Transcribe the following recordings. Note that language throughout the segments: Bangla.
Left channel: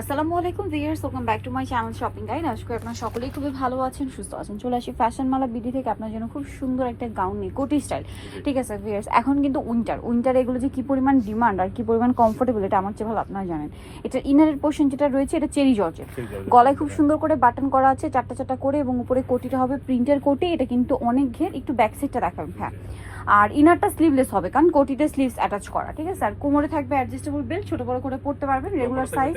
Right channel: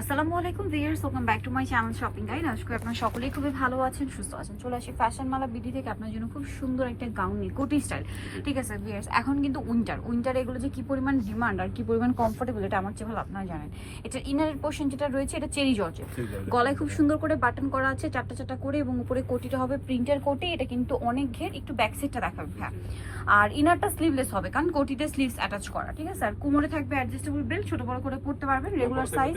আসসালামু আলাইকুম viewers welcome back to my channel shopping guide. আজকে আপনারা সকলেই খুবই ভালো আছেন সুস্থ আছেন। চলে আসি ফ্যাশন মালা বিডি থেকে আপনার জন্য খুব সুন্দর একটা গাউন নিয়ে কোটি স্টাইল ঠিক আছে ভিয়ার্স এখন কিন্তু উইন্টার উইন্টার এগুলো যে কি পরিমাণ ডিমান্ড আর কি পরিমাণ কমফোর্টেবল এটা আমার চেয়ে ভালো আপনারা জানেন। এটা ইনারের পোর্শন যেটা রয়েছে এটা চেরি জর্জের গলায় খুব সুন্দর করে বাটন করা আছে চারটা চারটা করে এবং উপরে কোটিটা হবে প্রিন্টের কোটি। এটা কিন্তু অনেক ঘের একটু ব্যাক সাইডটা দেখাবেন হ্যাঁ। আর ইনারটা স্লিভলেস হবে কারণ কোটিতে স্লিভস অ্যাটাচ করা ঠিক আছে? আর কোমরে থাকবে অ্যাডজাস্টেবল বেল্ট ছোট বড় করে পড়তে পারবেন রেগুলার সাইজ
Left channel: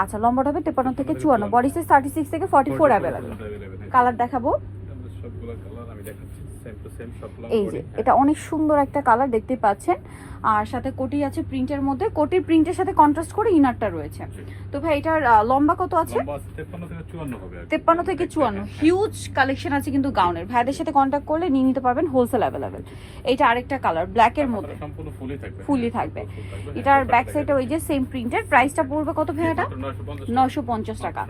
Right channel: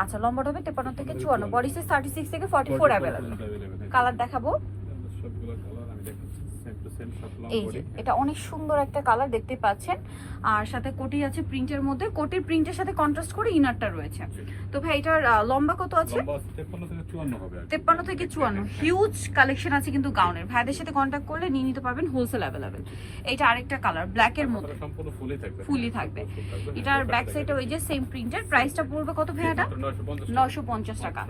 আচ্ছা লম্বাটা হবে তেপান্ন থেকে চুয়ান্ন বডি সাইজ থার্টি সিক্স থেকে ফর্টি ফোর অ্যাভেলেবল কালার দেখাবো। এই যে এটা অনেক সুন্দর একটা কালার দেখতে পাচ্ছেন। আর সাথে কোটি আছে প্রিন্টের মধ্যে। কোটির প্রিন্টের সাথে কন্ট্রাস্ট করে ইনারটা রয়েছে। তো ভাই এটার লম্বা কত আছে? তেপ্পান্ন থেকে চুয়ান্ন হিউজ কালেকশন আছে কিন্তু গাউনের ভাইদের সাথে কন্ট্যাক্ট করলে নিয়ে নিতে পারবেন হোলসেল অ্যাভেলেবেল এটা আরেকটা কালার ব্ল্যাকের মধ্যে। সম্পূর্ণ ফুলই থাকবে। ফুলই থাকবে। এটার ব্যাক সাইডে ওই যে সেম প্রিন্টের প্রাইসটা পড়বে কত ভাই এটা? নয়শো পঞ্চাশ টাকা।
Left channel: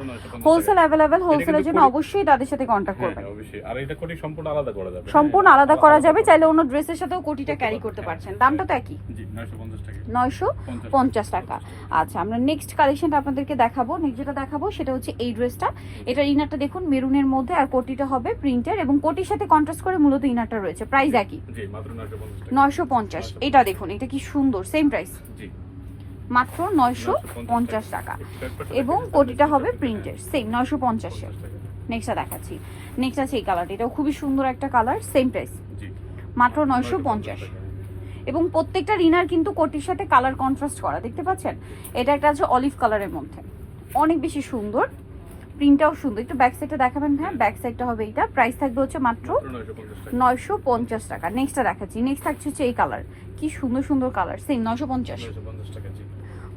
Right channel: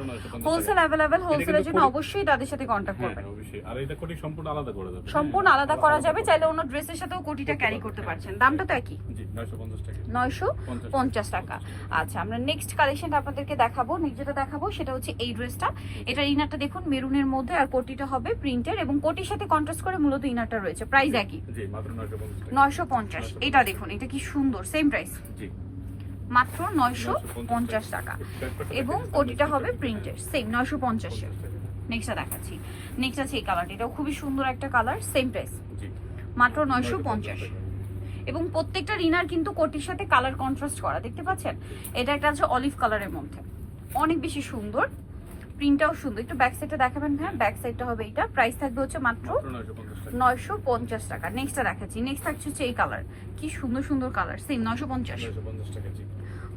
হোলসেল অ্যাভেলেবেল হোলসেলের জন্য অবশ্যই তাদের সাথে কন্ট্যাক্ট হ্যাঁ করবেন। হ্যাঁ, অবশ্যই। আর এটা কোটি সম্পূর্ণ আলাদা করা যাবে। সম্পূর্ণ আলাদা করা যাবে চাইলে অন্য ড্রেসের সাথেও কোটিটা ক্যারি করতে পারছেন। দামটা তো একই জি 950 টাকা। নয়শো আচ্ছা আমরা নেক্সট কালেকশনটা আপনাদেরকে দেখাবো। নেক্সট যেটা দেখাবো সেটা হচ্ছে এই ড্রেসটা। এটার ইনারটা দেখুন মেরুনের মধ্যে আর কোটিটা হবে প্রিন্টের এবং কোটির সাথে কন্ট্রাস্ট করে মূলত ইনারটা রয়েছে। প্রাইস একই। জি মাত্র 950 টাকা। নয়শো পঞ্চাশ। এটা দেখুন এটা কি সুন্দর সেম প্রাইস জি। মাত্র নয়শো পঞ্চাশ টাকা। এবং কোটিটা হবে প্রিন্টের সেম নয়শো পঞ্চাশের। নেক্সটটা দেখাচ্ছি। নেক্সট আছে এই কালারটা এটাও খুবই সুন্দর একটা কালার সেম প্রাইস মাত্র নয়শো পঞ্চাশ এবং প্রত্যেকটা রিনার কিন্তু কোটির সাথে কালার কন্ট্রাস্ট করা দেখতে পাচ্ছেন? এটা একটা আছে অলিভ কালারের মধ্যে। অনেক বেশি সুন্দর। প্রিন্টটাও সুন্দর। একটু ব্যাক সাইডটা দেখাবেন হ্যাঁ ব্যাক সাইডটা হবে এটা প্রাইস থাকবে হচ্ছে মাত্র মাত্র 950 টাকা। নয়শো পঞ্চাশ টাকা। নেক্সটটা দেখাচ্ছি। নেক্সট থাকছে হচ্ছে এই কালার কি সুন্দর সুন্দর কালার সেম নয়শো পঞ্চাশ। টাকা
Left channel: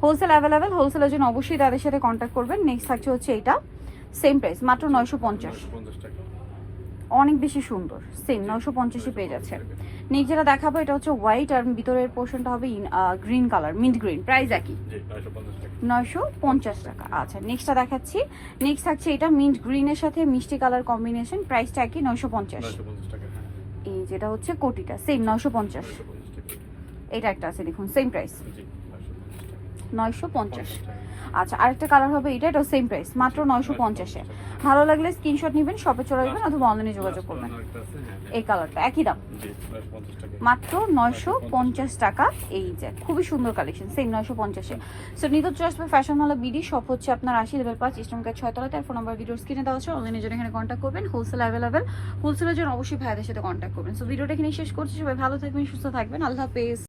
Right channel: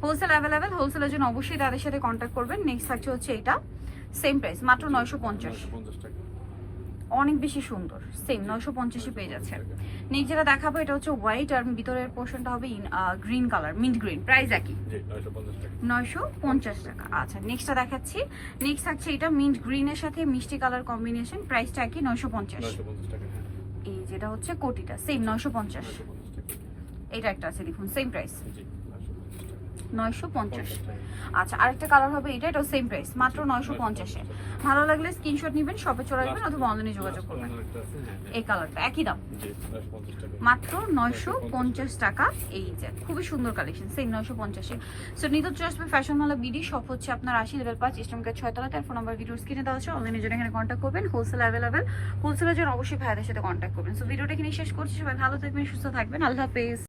হোলসেল অ্যাভেলেবেল হোলসেলের জন্য অবশ্যই তাদের সাথে কন্ট্যাক্ট করবেন। নেক্সট থাকছে হচ্ছে এটা সেম প্রাইস মাত্র নয়শো পঞ্চাশ। অনেক বেশি সুন্দর সেম নয়শো পঞ্চাশে পেয়ে যাচ্ছে নেক্সট যেটা দেখাবো এটা হচ্ছে হোয়াইট আর ভিতরের পোর্শনটা হবে green colour mint green price একই। জি 950 টাকা। নয়শো পঞ্চাশ টাকা আচ্ছা নেক্সটটা দেখাচ্ছি। নেক্সট থাকছে এটা মিন্ট গ্রিনের সাথে মিষ্টি কালার কম্বিনেশন প্রাইসটা একই নয়শো পঞ্চাশ। 950 টাকা হ্যাঁ। এই যেটা হচ্ছে কোটিটা সেম নয়শো পঞ্চাশ। এটা একটা আছে দেখুন সেম প্রাইস জি 950 টাকা। নয়শো পঞ্চাশ। আচ্ছা আরেকটা কালার হবে এটা এটাও সেম প্রাইস মাত্র নয়শো পঞ্চাশে ভালো লাগলে স্ক্রিনশট নেবেন শপে চলে আসবেন অথবা অনলাইনে যোগাযোগ করবেন। হ্যাঁ। এই কালারটা একই দাম। জি 950 টাকা। মাত্র নয়শো পঞ্চাশ। টাকা এই যে খুবই সুন্দর কালেকশন সেই নয়শো পঞ্চাশে সো নিত আসবে ফ্যাশন হলো বিডি শপ হচ্ছে আপনার আশি লেভেল পাঁচ ইস্টমকার ছয়তলা তার ফোন নাম্বার ভিডিওর স্ক্রিনে দেওয়া আছে অনলাইনে জন্য এখানে কন্ট্যাক্ট করবেন হোলসেল অ্যাভেলেবেল হোলসেলের জন্য অবশ্যই ভাইদের সাথে কন্ট্যাক্ট করবেন। সো ভিডিওটা এখানে শেষ করছি সবাই ভালো থাকবেন সুস্থ থাকবেন আল্লাহ হাফেজ।